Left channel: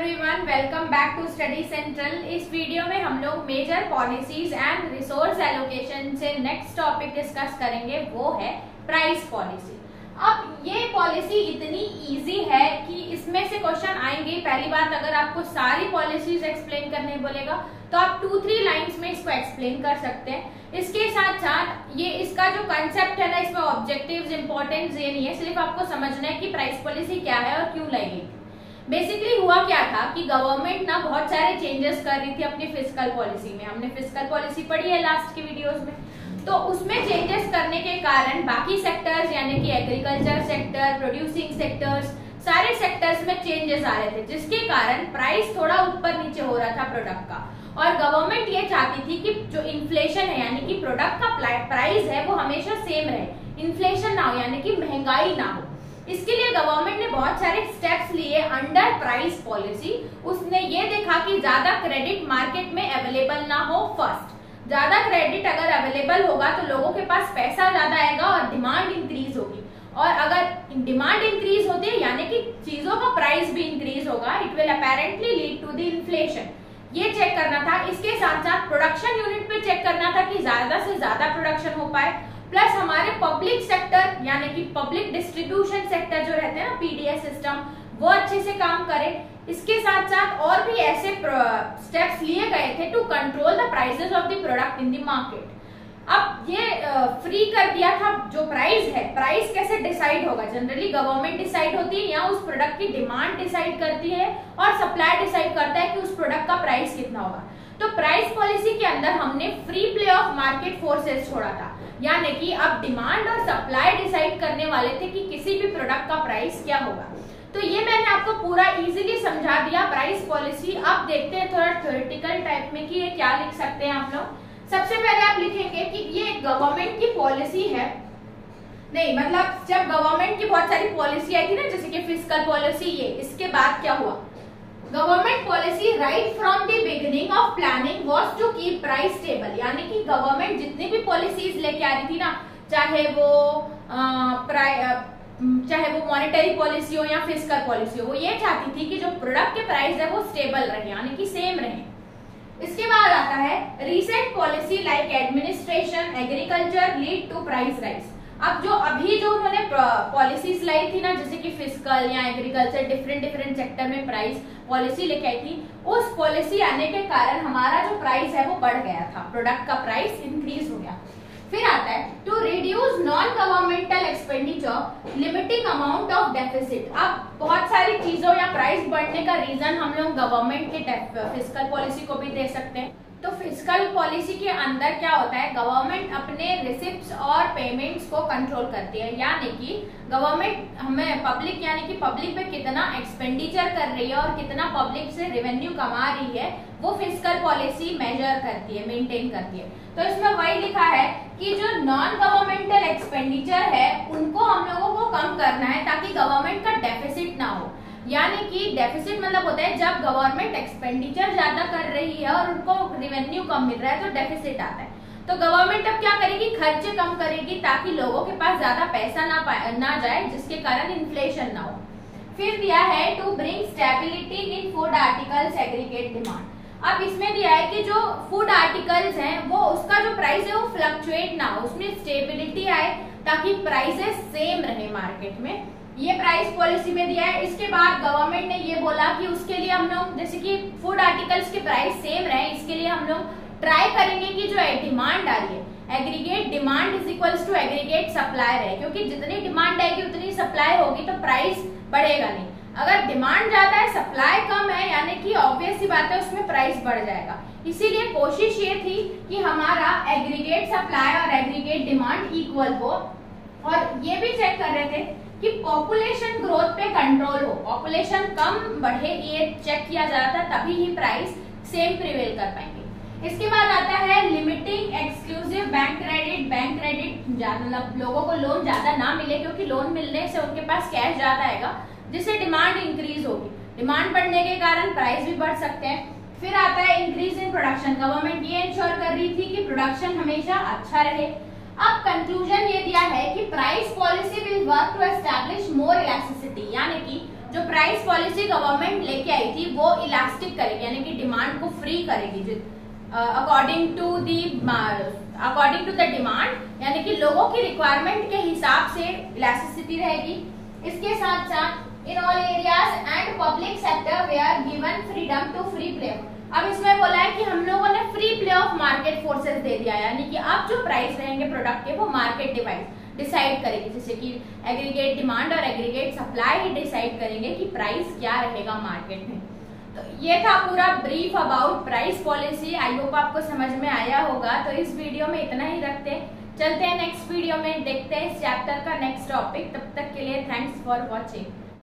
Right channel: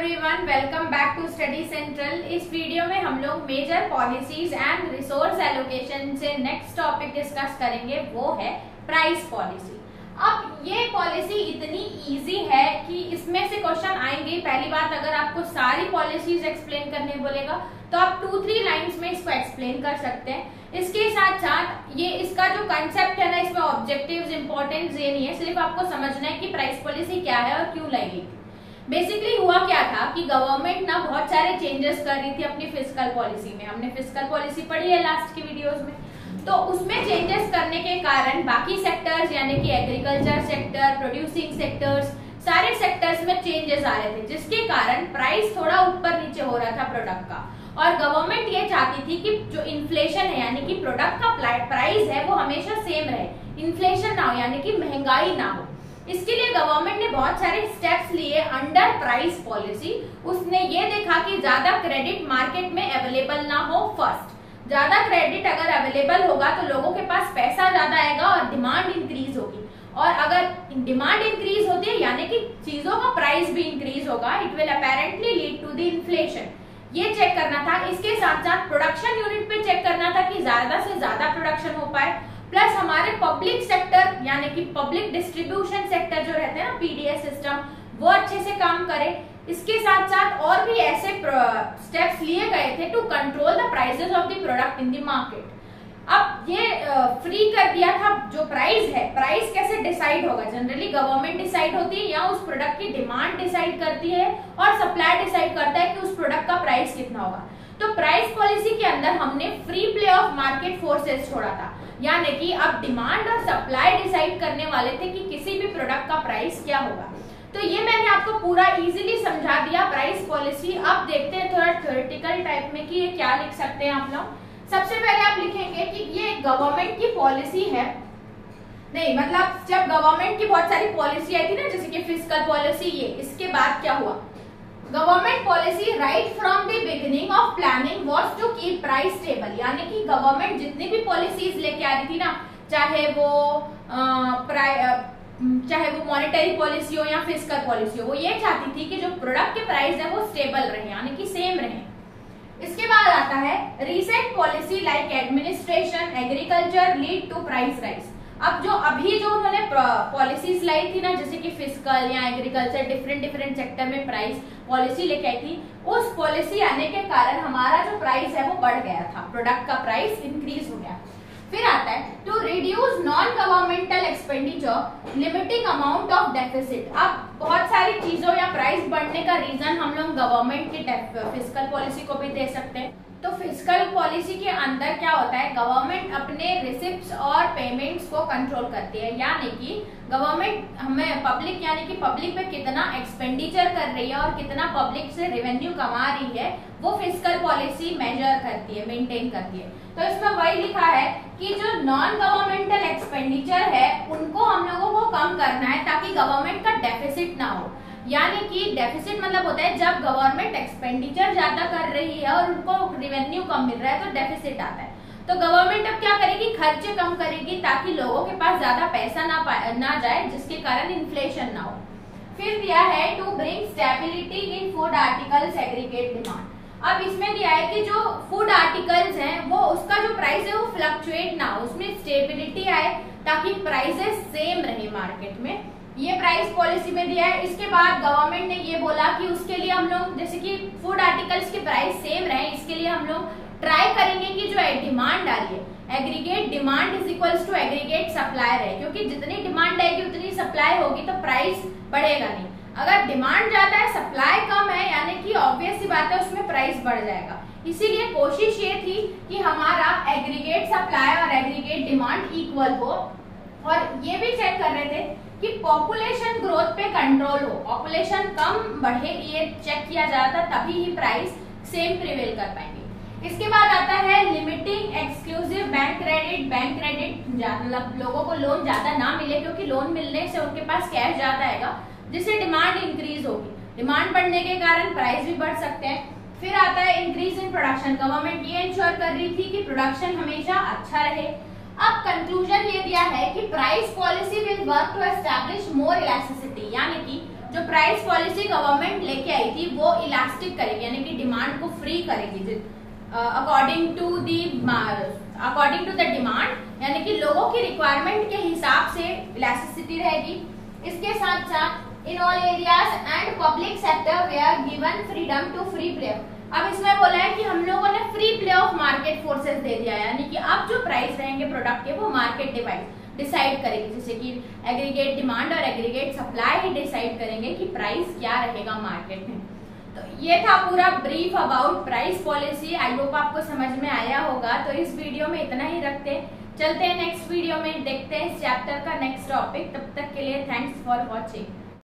Everyone, welcome back to Study Central. इस video में हम लोग major policies and resource allocation से नेक्स्ट टॉपिक डिस्कस करेंगे, वो है प्राइस पॉलिसी। अब ये पॉलिसी इतनी इजी है कि इसमें से क्वेश्चन आएंगे। पहली बात, अगर आपको सारी पॉलिसीज एक्सप्लेन करने बोलेगा तो आप 2-3 लाइंस में इसको एक्सप्लेन कर सकते हैं। इसके साथ साथ ये इसका जो कंसेप्ट है ना, इसमें ऑब्जेक्टिव्स इंपॉर्टेंस ये नहीं है, सिर्फ आपको समझना है कि प्राइस पॉलिसी क्या है और क्यों लगेगी। बेसिकली हुआ क्या था कि गवर्नमेंट ना बहुत सारे चेंजेस कर रही थी अपनी फिस्कल पॉलिसी में। हमने फिस्कल पॉलिसी पढ़ी है लास्ट के वीडियोस में। तो उसमें चेंजेस करने के कारण बाकी सेक्टर्स यानी कि एग्रीकल्चर सेक्टर, प्रोड्यूसिंग सेक्टर्स, सारे सेक्टर्स में चेंजेस आ रहे थे, जिसके कारण प्राइस थोड़ा ऊपर नीचे हो रहा था प्रोडक्ट का। और गवर्नमेंट ये चाहती थी कि जो इन्फ्लेशन है यानी कि प्रोडक्ट का प्राइस है वो हमेशा सेम रहे, इन्फ्लेशन ना हो यानी कि महंगाई ना हो। इसके लिए गवर्नमेंट ने बहुत सारे स्टेप्स लिए अंडर प्राइस पॉलिसी। उसने ये देखा कि ज्यादा क्रेडिट मार्केट में अवेलेबल ना हो। फर्स्ट, ज्यादा क्रेडिट अगर अवेलेबल होगा तो लोगों के पास पैसा ज्यादा आएगा और डिमांड इंक्रीज होगी, और अगर डिमांड इंक्रीज होती है यानी कि चीजों का प्राइस भी इंक्रीज होगा, it will apparently lead to the inflation. ये चेक करना था। इसके साथ साथ प्रोडक्शन यूनिट पे चेक करना था कि ज्यादा से ज्यादा प्रोडक्शन हो पाए, प्लस हमारे पब्लिक सेक्टर यानी कि पब्लिक डिस्ट्रीब्यूशन सेक्टर जो रहते हैं ना, पीडीएस सिस्टम, वो अच्छे से काम करे। इसके साथ साथ और भी ऐसे स्टेप्स लिए गए थे to control the prices of the product in the market. अब ये फ्री कर दिया था जो प्राइस है। प्राइस कैसे डिसाइड होगा? जनरली गवर्नमेंट डिसाइड होती है या उस प्रोडक्ट की डिमांड डिसाइड करती है और सप्लाई डिसाइड करता है कि उस प्रोडक्ट का प्राइस कितना होगा। तो प्राइस पॉलिसी के अंदर हमने free play of market forces छोड़ा था, यानी कि अब डिमांड और सप्लाई डिसाइड करने वाले थे कि किसी भी प्रोडक्ट का प्राइस क्या होगा। तो ये मैंने आपको पूरा इजीली समझा दिया प्राइस पॉलिसी। अब देखते हैं थोड़ा थ्योरेटिकल टाइप में कि ये क्या लिख सकते हैं आप लोग। सबसे पहले आप लिखेंगे कि ये गवर्नमेंट की पॉलिसी है। नहीं, मतलब जब गवर्नमेंट की बहुत सारी पॉलिसी आई थी ना, जैसे कि फिस्कल पॉलिसी, ये इसके बाद क्या हुआ? Government policy right from the beginning of planning was to keep price stable. यानी कि गवर्नमेंट जितनी भी पॉलिसीज लेके आ रही थी ना, चाहे वो मॉनेटरी पॉलिसी हो या फिस्कल पॉलिसी हो, वो ये चाहती थी कि जो प्रोडक्ट के प्राइस है वो स्टेबल रहे यानी कि सेम रहे। इसके बाद आता है recent policy like administration, agriculture lead to price rise. अब जो अभी जो उन्होंने पॉलिसीज लाई थी ना, जैसे कि फिस्कल या एग्रीकल्चर, डिफरेंट सेक्टर में प्राइस पॉलिसी लेके आई थी, उस पॉलिसी आने के कारण हमारा जो प्राइस है वो बढ़ गया था, प्रोडक्ट का प्राइस इंक्रीज हो गया। फिर आता है to reduce non governmental expenditure, limiting amount of deficit. अब बहुत सारी चीजों या प्राइस बढ़ने का रीजन हम लोग गवर्नमेंट के फिस्कल पॉलिसी को भी दे सकते हैं। तो फिस्कल पॉलिसी के अंदर क्या होता है, गवर्नमेंट अपने रिसिप्ट्स और पेमेंट्स को कंट्रोल करती है, यानी कि गवर्नमेंट हमें पब्लिक यानी कि पब्लिक पे कितना एक्सपेंडिचर कर रही है और कितना पब्लिक से रेवेन्यू कमा रही है, वो फिस्कल पॉलिसी मेजर करती है, मेंटेन करती है। तो इसमें वही लिखा है कि जो नॉन गवर्नमेंटल एक्सपेंडिचर है उनको हम लोगों को कम करना है ताकि गवर्नमेंट का डेफिसिट ना हो। यानी कि डेफिसिट मतलब होता है जब गवर्नमेंट एक्सपेंडिचर ज्यादा कर रही है और उनको रेवेन्यू कम मिल रहा है तो डेफिसिट आता है। तो गवर्नमेंट अब क्या करेगी? खर्चे कम करेगी ताकि लोगों के पास ज्यादा पैसा ना जाए, जिसके कारण इन्फ्लेशन ना हो। फिर दिया है to bring stability in food articles aggregate demand. अब इसमें दिया है कि जो फूड आर्टिकल्स हैं वो उसका जो प्राइस है वो फ्लक्चुएट ना हो, उसमें स्टेबिलिटी आए ताकि प्राइसेस सेम रहे मार्केट में। ये प्राइस पॉलिसी में दिया है। इसके बाद गवर्नमेंट ने ये बोला कि उसके लिए हम लोग जैसे कि फूड आर्टिकल्स के प्राइस सेम रहे, इसके लिए हम लोग ट्राई करेंगे कि जो डिमांड आ रही है, aggregate demand is equals to aggregate supply रहे, क्योंकि जितनी डिमांड आएगी उतनी सप्लाई होगी तो प्राइस बढ़ेगा नहीं। अगर डिमांड ज्यादा है, सप्लाई कम है, यानी कि ऑब्वियस सी बात है उसमें प्राइस बढ़ जाएगा। इसीलिए कोशिश ये थी कि हमारा एग्रीगेट सप्लाई और एग्रीगेट डिमांड इक्वल हो। और ये भी चेक कर रहे थे कि पॉपुलेशन ग्रोथ पे कंट्रोल हो, पॉपुलेशन कम बढ़े, ये चेक किया जाता, तभी ही प्राइस सेम प्रिवेल कर पाएंगे। इसके बाद आता है limiting exclusive bank credit. Bank credit मतलब लोगों को लोन ज्यादा ना मिले, क्योंकि लोन मिलने से उनके पास कैश ज्यादा आएगा, जिससे डिमांड इंक्रीज होगी। डिमांड बढ़ने के कारण प्राइस भी बढ़ सकते हैं। फिर आता है इंक्रीज इन प्रोडक्शन। गवर्नमेंट ये इंश्योर कर रही थी कि प्रोडक्शन हमेशा अच्छा रहे। अब कंक्लूजन ये दिया है कि price policy will work to establish more elasticity, यानी कि जो प्राइस पॉलिसी गवर्नमेंट लेके आई थी वो इलास्टिक करेगी, यानी कि डिमांड को फ्री करेगी अकॉर्डिंग टू द डिमांड, यानी कि लोगों की रिक्वायरमेंट के हिसाब से इलास्टिसिटी रहेगी। इसके साथ साथ in all areas and public sector we are given freedom to free play. अब इसमें बोला है कि हम लोगों ने free play of market forces दे दिया, यानी कि अब जो प्राइस रहेंगे प्रोडक्ट के वो मार्केट डिसाइड करेगी, जैसे कि एग्रीगेट डिमांड और एग्रीगेट सप्लाई ही डिसाइड करेंगे कि प्राइस क्या रहेगा मार्केट में। तो ये था पूरा brief about price policy. I hope आपको समझ में आया होगा। तो इस वीडियो में इतना ही रखते, चलते हैं नेक्स्ट वीडियो में, देखते हैं इस चैप्टर का नेक्स्ट टॉपिक। तब तक के लिए थैंक्स फॉर वॉचिंग।